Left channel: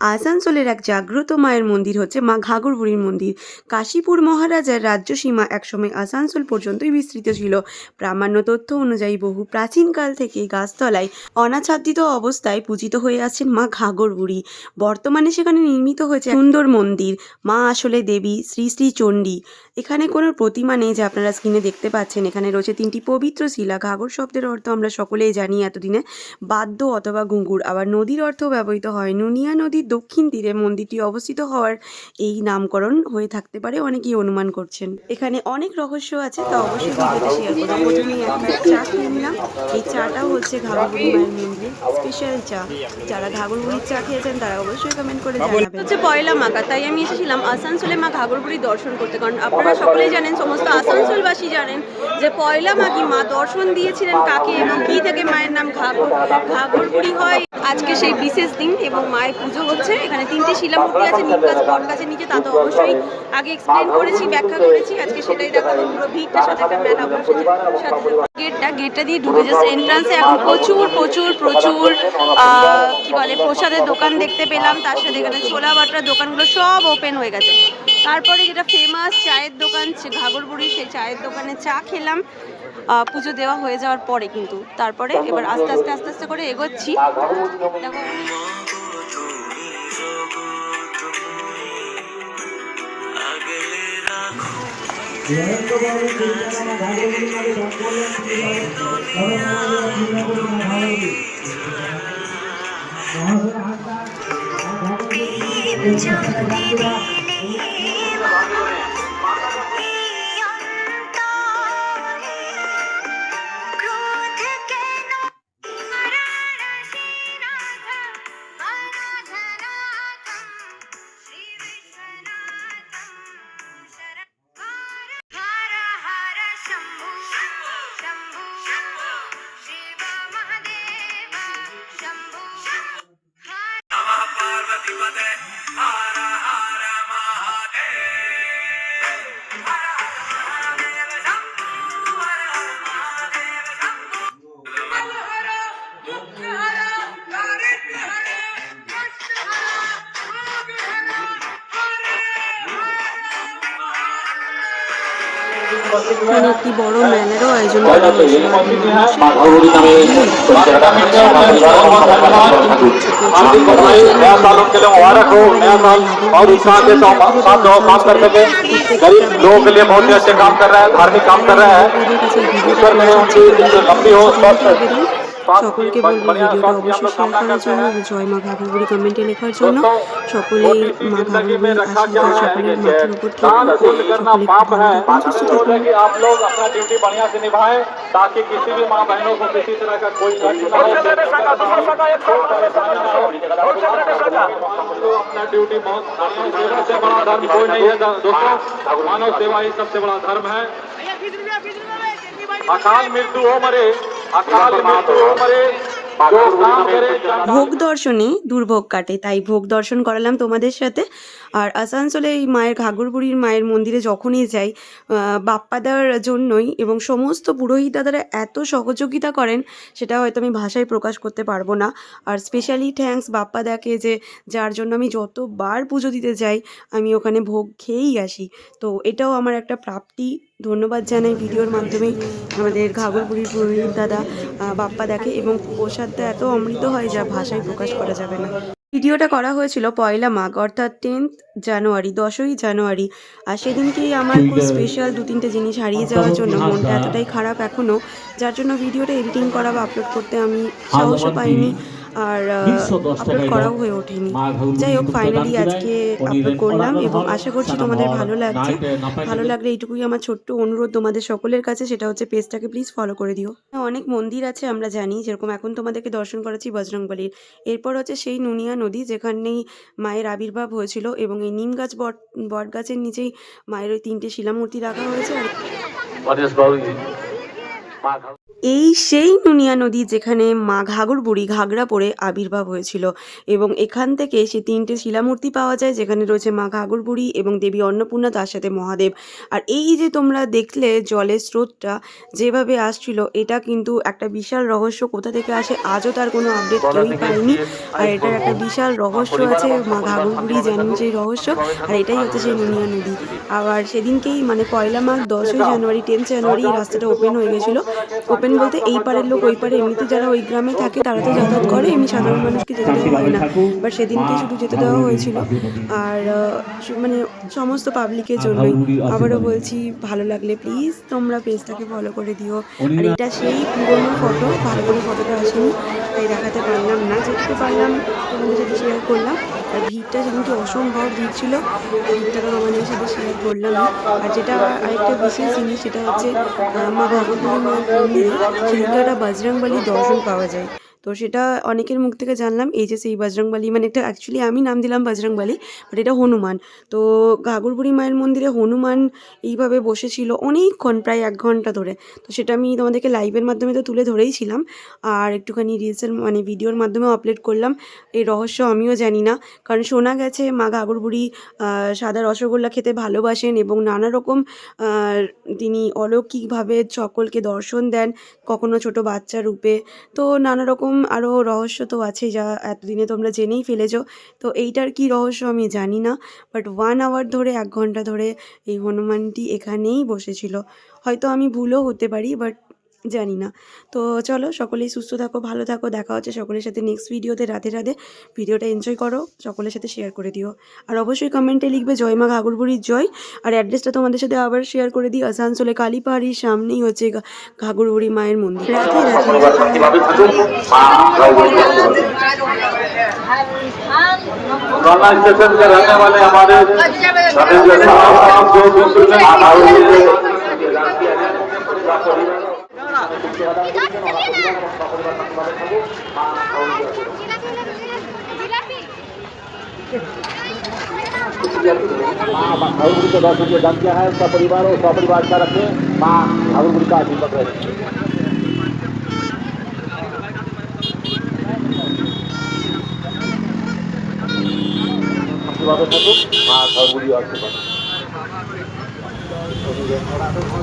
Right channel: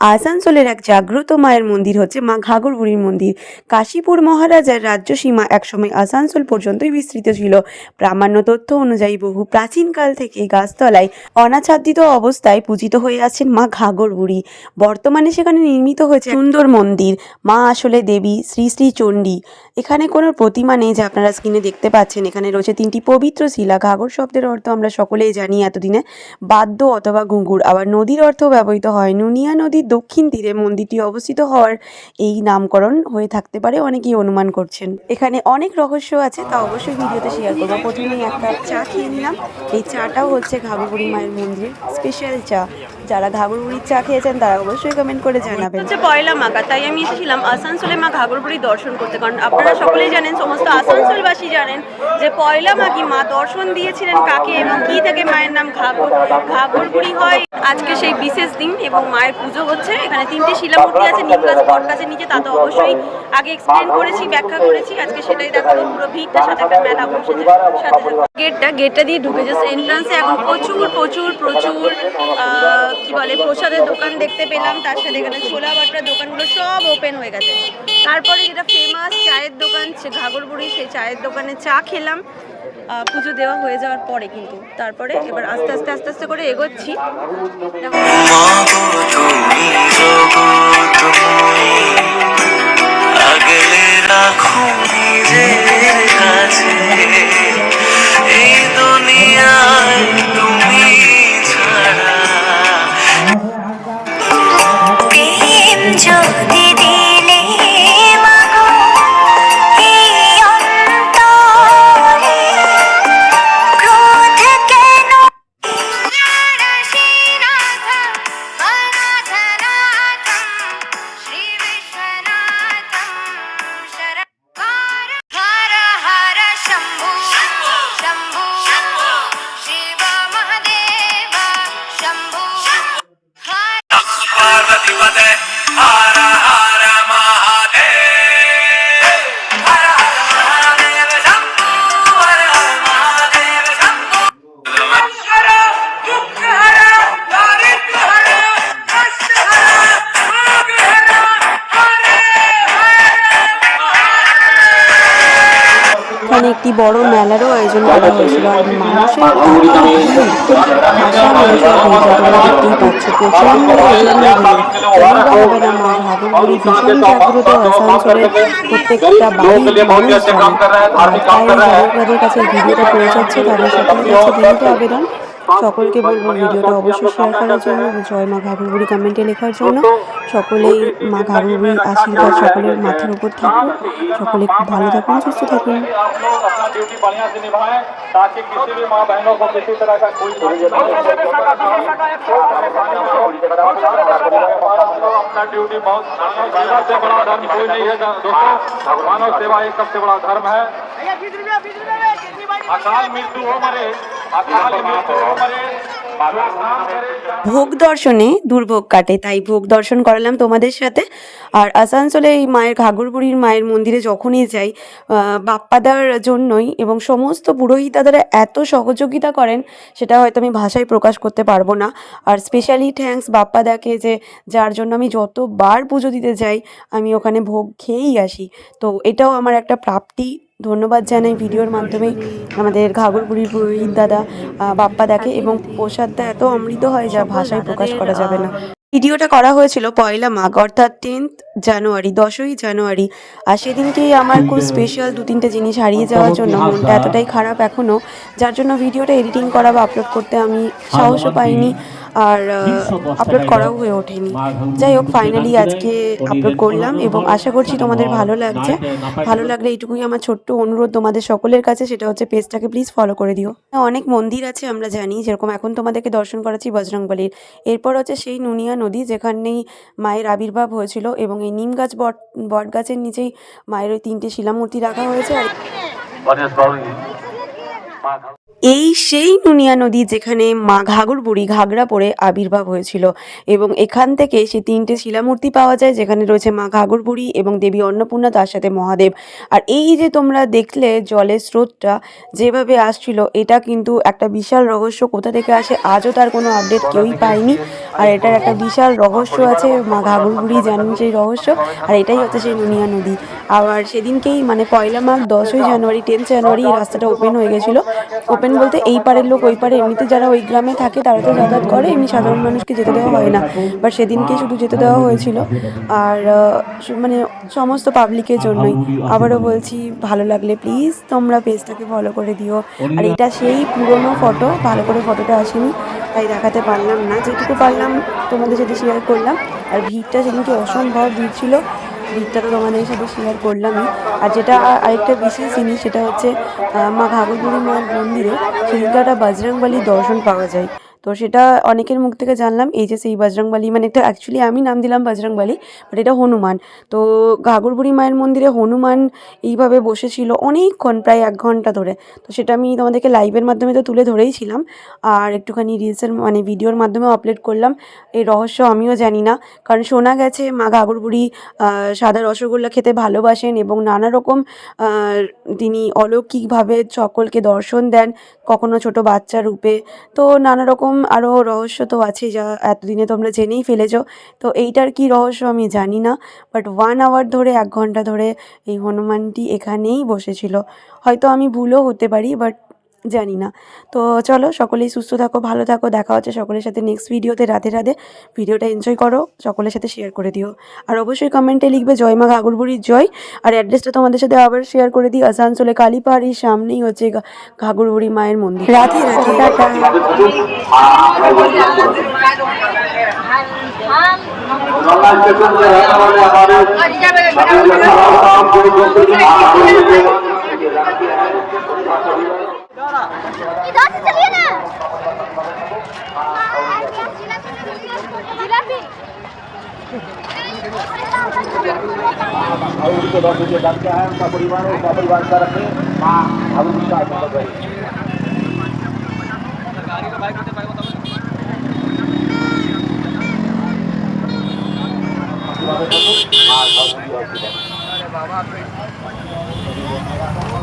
আসানসোলের এক জাগ্রত মায়ের মন্দির হচ্ছে মা ঘাঘর বুড়ির মন্দির। কাশীপুর মহারাজার রাজ্যসীমা একসময় আসানসোল পর্যন্তই বিস্তৃত ছিল। প্রামাণ্য তথ্য অনুযায়ী বহু প্রাচীনকাল থেকে গাছতলায় অনাচ্ছাদিত অবস্থায় পূজিত হয়ে আসছেন মা ঘাঘর বুড়ি। বর্তমানে সেখানে নির্মিত হয়েছে সুন্দর মন্দির। মা আসলে দেবী শ্রী শ্রী চণ্ডী। এখানে কোনো প্রতিমা নেই যে আপনারা স্ক্রিনে দেখতে পাচ্ছেন। এখানে রয়েছে 3টি পবিত্র শিলা। ঘাঘর শব্দের অর্থ আমরা সকলেই জানি এতদিনে বাদ্য অথবা ঘুঙুর। আবার নদীর অর্থও ব্যবহৃত হয়। নুনিয়া নদীর দক্ষিণ তীরে মন্দিরটি অবস্থিত হওয়ার এই নামকরণ হয়ে থাকতে পারে, অনেকেই অনুমান করছেন। এখানে অনেক রহস্য আছে, তা অবশ্যই ভিডিওতে শেয়ার করবো। প্রথমেই এক কাপ চা খেয়ে নিলাম। এই চাটাও হচ্ছে ঘাঘর বুড়ি মায়ের মন্দিরের স্পেশাল চা। যারা ঘাঘর বুড়ির চা খেয়েছেন তারা অবশ্যই কমেন্ট করে জানাবেন। হচ্ছে পয়লা মাঘা, তাই আমি এসেছিলাম আসানসোলে মা ঘাঘর বুড়ির দর্শন করতে। কারণ আপনারা সকলেই জানেন, সমস্ত আসানসোলবাসী জানেন যে পয়লা মাঘী মা দর্শন দিয়েছিলেন কাকে এবং কি থেকে মায়ের নাম ঘাঘর বুড়ি হয়। আজকে সেই বিশেষ দিন এবং মায়ের পুজো হচ্ছে। এখানে 3টে শিলামূর্তি আছে নিম গাছ বট গাছের নিচে। তা তো অবশ্যই আগে এক্সপ্লেন করেছি, ব্যাখ্যা করেছি। আজকে সেটাই দেখাবো। পুরো ভিড়টার সাথে একটা মেলা বসেছে। গেটটা দিয়ে ঢুকে জাস্ট এন্ট্রান্সে এখন প্রচুর প্রচুর প্রচুর কি বলে প্রসাদের দোকান দেখতে পেলাম। তার সাথে এখানে ছোলা বাটার দোকানগুলো সব ওপেন হয়ে গেছে। তারপরে যেটা ফেমাস চায়ের দোকান ঘাঘর বুড়ি, সেই চায়ের দোকানে চা খেলাম পুজো দেওয়া হয়ে যাওয়ার পরে। কিন্তু তারপরে এবার আস্তে আস্তে আস্তে আস্তে করে এগোচ্ছি। এখানে একটি বড় মেলারও আয়োজন করা হয়েছিল। আর মানুষের এত ভিড়, ভাষার মানুষ দেখতেই পাচ্ছে। প্রচন্ড হবে না মা ঘাঘর বুড়ি ভীষণ জাগ্রত আসানসোলের প্রত্যেকটা বাড়ির তাদের কাছে ভিডিওটা পৌঁছাচ্ছে। তাদের আবেদন সকলকে বলবো ভিডিওটা অবশ্যই শেয়ার করার জন্য, জয় মা ঘাঘর বুড়ি কমেন্টে লেখার জন্য। সকলেই মা ঘাঘর বুড়ির আশীর্বাদ সকলের মাথার উপর থাকুন। সকলে খুব ভালো থাকুন, সুস্থ থাকুন। ड्यूटी बहुत सेवा से बड़ा धर्म कोई नहीं है दोस्तों। मानव सेवा ही सबसे बड़ा धर्म है। अकाल मृत्यु हो मरे, अकाल मृत्यु हो मरे। ভোগ দর্শনে দুর্ভোগ কাটে, তাই ভোগ দর্শন করালাম তোমাদের সাথে। আর আসানসোলে এই মায়ের ঘাঘর বুড়ির মায়ের মন্দিরে যখনই যাই বাপ্পাদার জন্যই, এবং সমস্ত পুরোহিত দাদারা এত সহযোগিতা করেন সেটা হয়তো আমি ভাষায় প্রকাশ করতে পারবো না। আর স্পেশালি থ্যাঙ্কস বাপ্পাদাকে, যে যার জন্য আমি যতবার পুজো দিতে যাই আমি ওখানে ভোগ খেয়েই আসি। তো এটাও আমার একটা প্রাপ্তি। ধন্যবাদ জানাই ভিডিওর মাধ্যমে আমাদের ঘাঘর বুড়ির পুরোহিত দাদা বাপ্পাদাকে। এবং প্রসাদটা এত অমৃত হয় যা ভাষায় প্রকাশ করা যাবে না। ভিডিওটা করা হয়েছিল পয়লা মাঘ, অর্থাৎ 10th জানুয়ারি, 10ই জানুয়ারি। আর সেদিনকেই আমার খুব স্পেশাল 2-3টে জিনিস হারিয়ে যাওয়ার জন্য মনটা এতটাই খারাপ এখনও, যার জন্য ভিডিওটা এডিটিং করা বা আপলোড করতে আমি সাহসও পাইনি, আর আপলোড করাও হয়ে ওঠেনি। যাই হোক, ফাইনালি আজকে আপলোড করলাম এবং আশা করছি তোমাদের ভালো লাগছে। ভালো লাগলে এইটুকুই আমার ছোট্ট অনুরোধ তোমাদের সকলের কাছে, সেটা হচ্ছে পেজটাকে প্লিজ ফলো করে দিও। অনেক মন্দির আছে আমরা জানি, যেরকম এখন তোমাদেরকে দর্শন করাচ্ছি বজরংবলীর। এরপর হচ্ছে সেই নুনিয়া নদী, যেখানেই মায়ের আবির্ভাব হয়েছিল, এবং এই নিম গাছ বট গাছের নিচেই মায়ের ওই 3টে শিলামূর্তি রাখা হয়েছে। আর এই সেই নুনিয়া নদী যেখানে মা ঘাঘর বুড়ি ঘাগরা পরে আবির্ভাব হয়েছিল এবং এখান থেকে সে 3টে শিলামূর্তি পাওয়া যায়, যেখানে রয়েছে মা ঘাঘর বুড়ি এবং দেবী অন্নপূর্ণা, তার সাথে মহাদেব। আর এই যে তোমরা দেখলে জলের স্রোতটা যেভাবে আসছিল, এটা কিন্তু একটা বিশাল রহস্য। কোথা থেকে আসে আজও তার কোনো আপডেট কেউই পায়নি। আর এটার একটা বিশাল রহস্য আছে, মা ঘাঘর বুড়ি জানেন সেই রহস্য। আর এটাই হচ্ছে সেই নুনিয়া নদী। আবার সেদিনকেই মানে পয়লা মাঘ 10ই জানুয়ারি 10 জানুয়ারি এই রাস্তাটা ওপেন হয়ে গেছিলো। ওপেন বলতে এই পারের লোক ওই পারে, এমনিতে যারা ওই গ্রামে থাকে তারা তো যাতায়াত করে, এমনি সাধারণ মানুষকে যেতে দেওয়া হয় না। বাট সেদিনকে শুধু যেতে দেওয়া হয়েছিল। আর মানে সমস্ত পাবলিকের জন্যই। আবারও বলছি, ভালো লাগলে প্লিজ তোমরা পেজটাকে ফলো করে দিও। আর এটা সেই পুরনো ফটো, ভালো করে ফটোটা আসেনি তাই দেখাতে পারলাম না, যেটুকু পারলাম তোমাদের সাথে শেয়ার করলাম। আর ভিড়টা সেদিনকে অসম্ভব ভিড় ছিল, ভিড়টা তো তোমাদের সাথে শেয়ার করলামই। আর যেটা আরেকটা বিশেষ জিনিস, সেটা হচ্ছে মা ঘাঘর বুড়ি মায়ের মন্দিরে সেদিনকে একটা বজরংবলীর দর্শন পাওয়া যায়। তো সেটা অনেকের মুখ থেকে জানলাম, এই যে সেই বজরংবলী, মানে এটা অ্যাকচুয়ালি আমি নাম দিলাম বজরংবলী, বাট এটা হনুমান। তো ঘাঘর বুড়ি মায়ের মন্দিরে হনুমান এইভাবে বসেছিল অনেকক্ষণ, প্রায় 1 ঘন্টা ধরে। তো সেটা আমি তোমাদেরকে লাইভের মাধ্যমে তো তুলে ধরেইছিলাম, আর একটুখানি রিলসের মানে ভিডিওর মাধ্যমেও আপলোড করলাম। এই রহস্য আমিও জানি না, কারণ শোনা গেছে মা ঘাঘর বুড়ি সাদা রসগোল্লা খেতে ভালোবাসেন এবং নানা রকম তিনি অলৌকিকভাবে সকলকে দর্শন দেন, কখনো ছোট বাচ্চা রূপে। তো নানা রকম আরও রহস্য তো আছেই, যা এতদিনে তোমরা জেনেই ফেলেছ। তো এইটার কি রহস্য আমি জানি না, বাট 1 আওয়ার ধরে 1 ঘন্টা ধরে এই হনুমানটি এখানেই বসেছিল। হয়তো আমি ভুলও হতে পারি, বাট জানি না। তো চলো, সকলেই সুস্থ থাকো, ভালো থাকো, দেখা হচ্ছে সকলের সাথে নেক্সট ভিডিওতে। রাধে রাধে। ভিডিওটা এনজয় করো, সকলের সাথে শেয়ার করে দিও। আর অবশ্যই কমেন্টে লিখবে জয় মা ঘাঘর বুড়ির জয়। আর অ্যাড্রেসটা তোমাদের সাথে আবার শেয়ার করে দিই, আসানসোলে কালীপাহাড়ির সামনেই হচ্ছে ঘাঘর বুড়ি মায়ের মন্দির। রাধে রাধে, টাটা। गंगा स्टेशन के रहने वाले हमारे परिवार है, परिवार का रखिए माँ আশীর্বাদে থাকুক, মা ঘর